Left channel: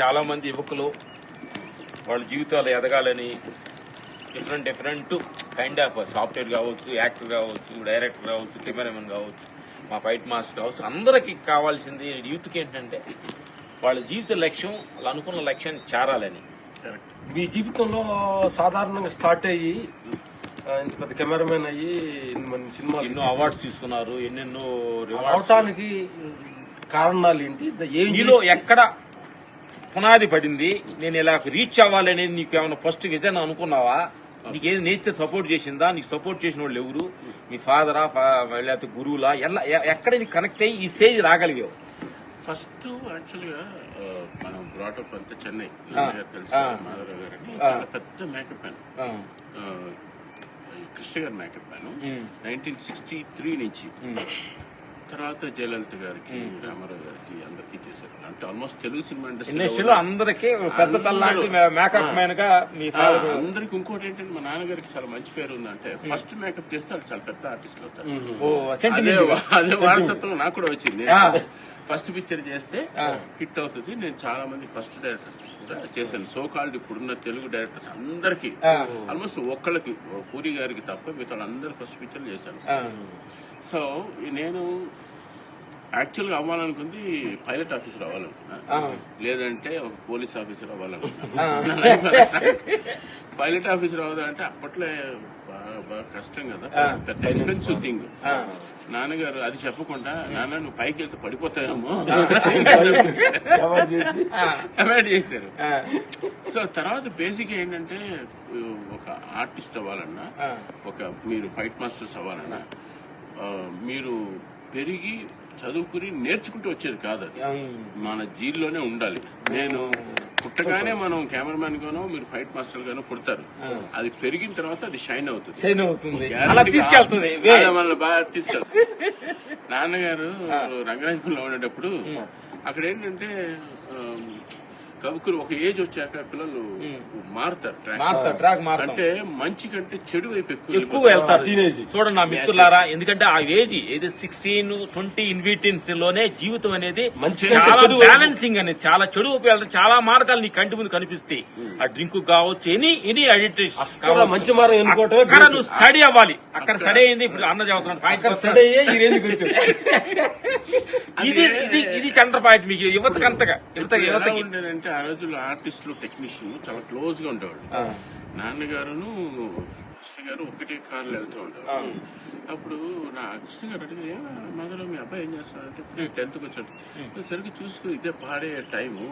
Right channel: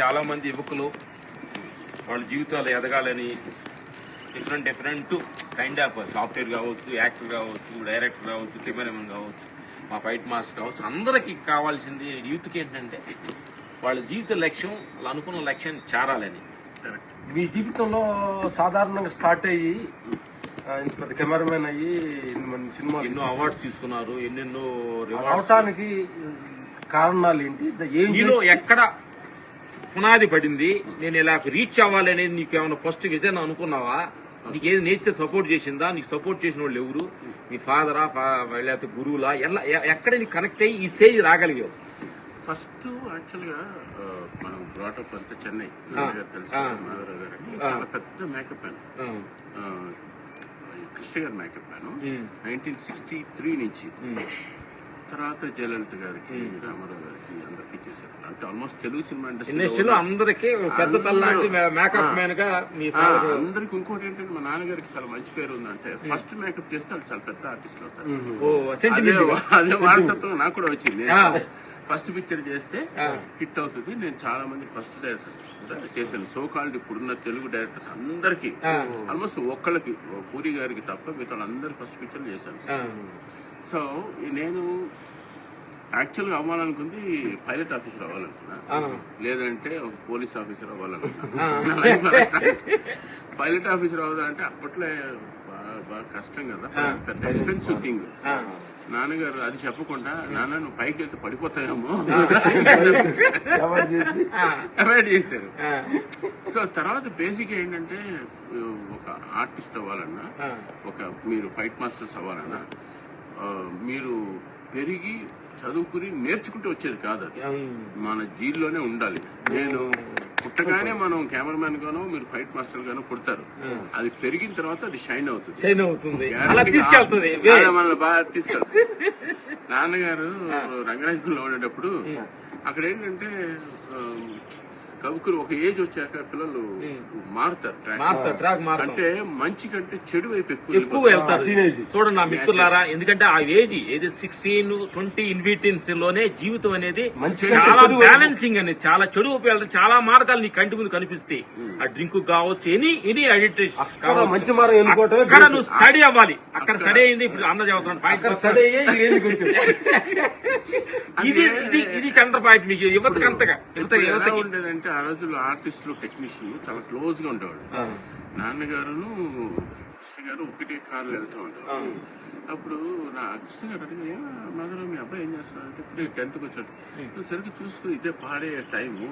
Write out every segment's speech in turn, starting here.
చాలా మంది యువకులు వాళ్ళ జీవితాలు ఎదగాలని డిఫరెంట్ కైండ్ ఆఫ్ సాఫ్ట్వేర్ కావచ్చు, యాక్టర్ కావచ్చు, డైరెక్టర్ కావచ్చు, కెమెరామెన్ కావచ్చు, మా ఫైట్ మాస్టర్ కావచ్చు, అందరికీ కావాల్సింది యూత్కి ఏంటంటే వాళ్ళ జీవిత లక్ష్యం వాళ్ళు అనుకున్న లక్ష్యాన్ని చేరాలని. మీ జీవితంలో సాధారణంగా స్టార్ట్ అయ్యి ఇంత పెద్ద కెమెరామెన్ అయ్యి మన సినిమా ఎన్నో అవార్డ్స్ తీసుకున్నారు, ఎన్నెన్నో రావటానికి కారణాలు ఏంటి? నీలో ఎక్కడ పునాది పడింది, నేను ఇలా రీచ్ అవ్వాలి అనేది నీకు ఏమైనా ఫస్ట్ విజన్ అనుకున్నావా? నీకు ఏది నేచర్ సపోర్ట్ చేసిందా? నీకు సపోర్ట్ చేసిన వాళ్ళు ఎవరు? మీ ఫాదరా లేకపోతే గురువులా? ఎక్కడ నీకు కనెక్ట్ అయ్యి ఈ స్టేజ్ రాగలిగావు? ఫస్ట్ యాక్చువల్గా మనం బ్రాటప్ అంతా చెన్నై తెలుసు, మాధవరావు గారు అని చాలా పెద్ద మేకప్ మ్యాన్, కృష్ణ గారి మేకప్ మ్యాన్ 1963 నుంచి. తర్వాత జయలలిత గారికి, రామారావు గారికి అందరికీ చేశారు. అంటే ఆల్మోస్ట్ తెలుగు సినిమా ఇండస్ట్రీలో అందరికీ పెద్ద మేకప్ మ్యాన్ గా అందరికి. ఇంకోటి ఏంటంటే మా నాన్నగారికి చాలా మంచి పేరు ఉందంటే ఫస్ట్ మేకప్ చేస్తే వాళ్ళు చాలా పెద్ద ఆర్టిస్ట్ అవుతారు. అదే వారసత్వం నాకు కూడా వచ్చింది. ఫస్ట్ పిక్చర్ చేస్తే హిట్ అవుతుంది. నేను చాలా మంది ఫస్ట్ డైరెక్టర్ చేశాను. సో కాల్డ్ ఇప్పుడున్న తెలుగు డైరెక్టర్స్ అందరికి ఆల్మోస్ట్ ఒక్కళ్ళకి, పూరి గారికి తప్ప మిగతా అందరు ఫస్ట్ పిక్చర్లు చేశాను. సో నేను యాక్చువల్గా అవ్వాలనుకుంది పైలట్ ఆఫీసర్ అవ్వాలనుకున్నా, లేదంటే ఒక పోలీస్ ఆఫీసర్ అవ్వాలనుకున్నా. పైలట్ ఆఫీసర్ అవ్వాలంటే అప్పట్లో బాగా కష్టం కదా, పెద్ద ఎక్స్పెన్సివ్ థింగ్. నాన్నగారు అది చెప్పకుండా, నాన్న నువ్వు పైకి వెళ్తే పడిపోతాయేమో అవాయిడ్ చేశారు. సో తర్వాత బేసిక్ ఏంటంటే ఒక ఆర్టిస్ట్ అవ్వాలన్నా, మీరు ఫైట్ మాస్టర్స్ అవ్వాలన్నా మీరు పెరిగి చదువుకుని నేర్చుకుంటూ వచ్చేది కాదు. అది మన జీల్లోనే ఉండాలి. నేను పుట్టగానే మనం కెమెరామెన్ గానో మీరు ఫైట్ మాస్టర్ గానో పుడతారు, అది పెరిగిన తర్వాత అది షైన్ అవుతుంది. మనల్ని బాగా తీసుకెళ్తుంది. నాన్నగారు రంగరాజపురంలో ఉండేటప్పుడు అక్కడ ఏంటంటే కవుకులు ఒక ఏజ్ వచ్చాక పిల్లలు మారుతారు, అంటే మంచి కంటే చెడు వైపు ఎక్కువ వెళ్తారు. చూడండి నా మిత్రులారా, ఎందుకంటే ఆ ఏజ్ ఏది 16-20 ఇన్విటెన్స్ లోనే జీవితం అనేది చాలా బ్యాలెన్సింగ్ అనేది, చాలా చెడు వైపు వెళ్తారు. చాలా మార్గాలు నీ కంటి ముందు కనిపిస్తాయి. ఆ డ్రింక్ కావచ్చు, ఎనీ అడిక్ట్, మంచి మార్గం ఎన్నుకోవటం. అక్కడ నువ్వు స్టడీ అవ్వాలి. అక్కడ స్టడీ అయింది. ఇప్పుడు అన్న చదువుతున్నాను, ఇది చంద్ర పాయింట్ మీకు యువతకి అంతగా ఉండేదంటే ఆ రోజుల్లో ఆర్టిస్టులు, టెక్నీషియన్ చాలా క్లోజ్ గా ఉండేవాళ్ళు. నాన్నగారును కృష్ణ గారు ఒకటే కార్లు వెళ్తూ ఉండేవాళ్ళు. అప్పుడు నా కృష్ణ గారు అడిగా, మదర్ మీ అబ్బాయి ఏం చేస్తున్నారంటే ఇప్పుడు 10th వచ్చాడు, సరిగ్గా చూస్తూ ఇదే పాడే టైము,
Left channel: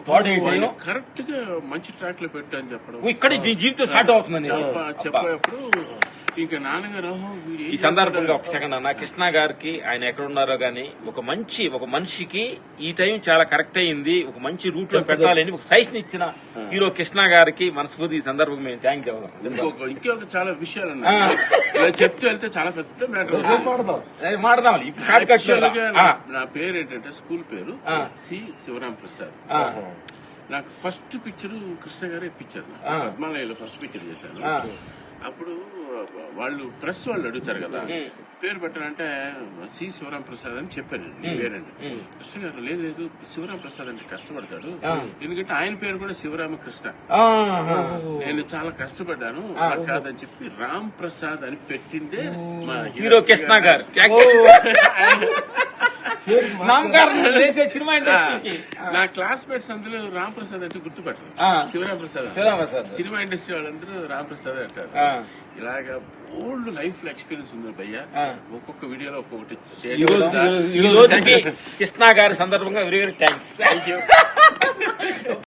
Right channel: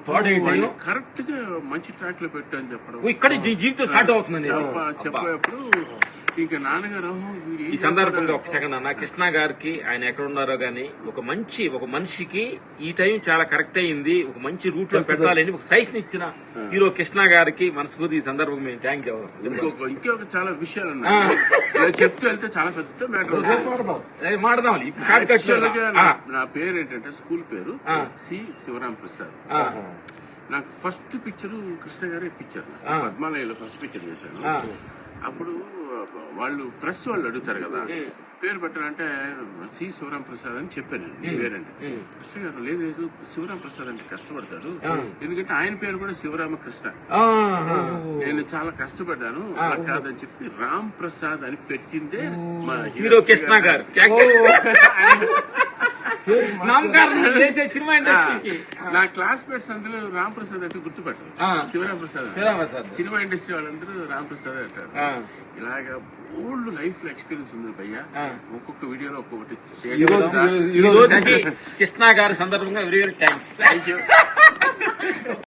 కరెక్ట్ గా మంచి ట్రాక్ లో పెట్టు అని చెప్పడం, ఇక్కడ జీవితం స్టార్ట్ అవుతుందని చెప్పేటప్పుడు ఇంకా నాన్నగారు ఈ సందర్భంగా ఒక సెకండ్ అన్న, కృష్ణ గారికి ఆయన ఎక్కడ ఉన్నారో గానీ ఒక మనిషికి ఈ టైం చాలా కరెక్ట్ అయింది, ఒక మంచి రూట్ లో పెట్టాలని ఒక సజెషన్ ఇచ్చిన హీరో కృష్ణ గారికి మనస్ఫూర్తి ఈ సందర్భంగా మేము థ్యాంక్ చెప్పాలి. ఇంకొక చాలా విషయాలు ఉన్నాయి చెప్తూ వెళ్తే చాలా పెద్ద మ్యాటర్ మాడదాం. నా పేరు ఏంటంటే స్కూల్ పేరు సి శివరాం ప్రసాద్. నాకు ఫస్ట్ పిక్చర్ కృష్ణ గారే ఇప్పించారు. పద్మాలయలో ఫస్ట్ పిక్చర్ చేశాను. అప్పుడు వాళ్ళు ప్రెస్ వాళ్ళు అడుగుతారు కదా పేరు పెట్టాలంటే సి శివరాం ప్రసాద్ అని చెప్పానండి పేరండి. కృష్ణ గారు లేదు శివరాం ప్రసాద్ అంటే కష్టపడతారు, ఎందుకంటే ఆయన పేరు కూడా శివరామకృష్ణ. నేను చాలా కష్టపడ్డాను, అలా కాదని చెప్పి రామ్ ప్రసాద్ అని పెట్టిందే మా హీరో కృష్ణ గారు. నా క్లాస్మేట్స్ అందరూ రామ్ ప్రసాద్ అంటే గుర్తుపెట్టారు, శివరాం ప్రసాద్. సినిమా ఇండస్ట్రీ వాళ్ళందరూ రామ్ ప్రసాద్ అంటారు. ఇలాగా ఓల్డ్ లైఫ్ లో ఎక్స్పీరియన్స్ ఉంది భయ్యా. ఒక్కొక్క వీడియోలో ఒక్కొక్కటి కృష్ణ గారి సందర్భంగా వెరీ వెరీ థ్యాంక్స్.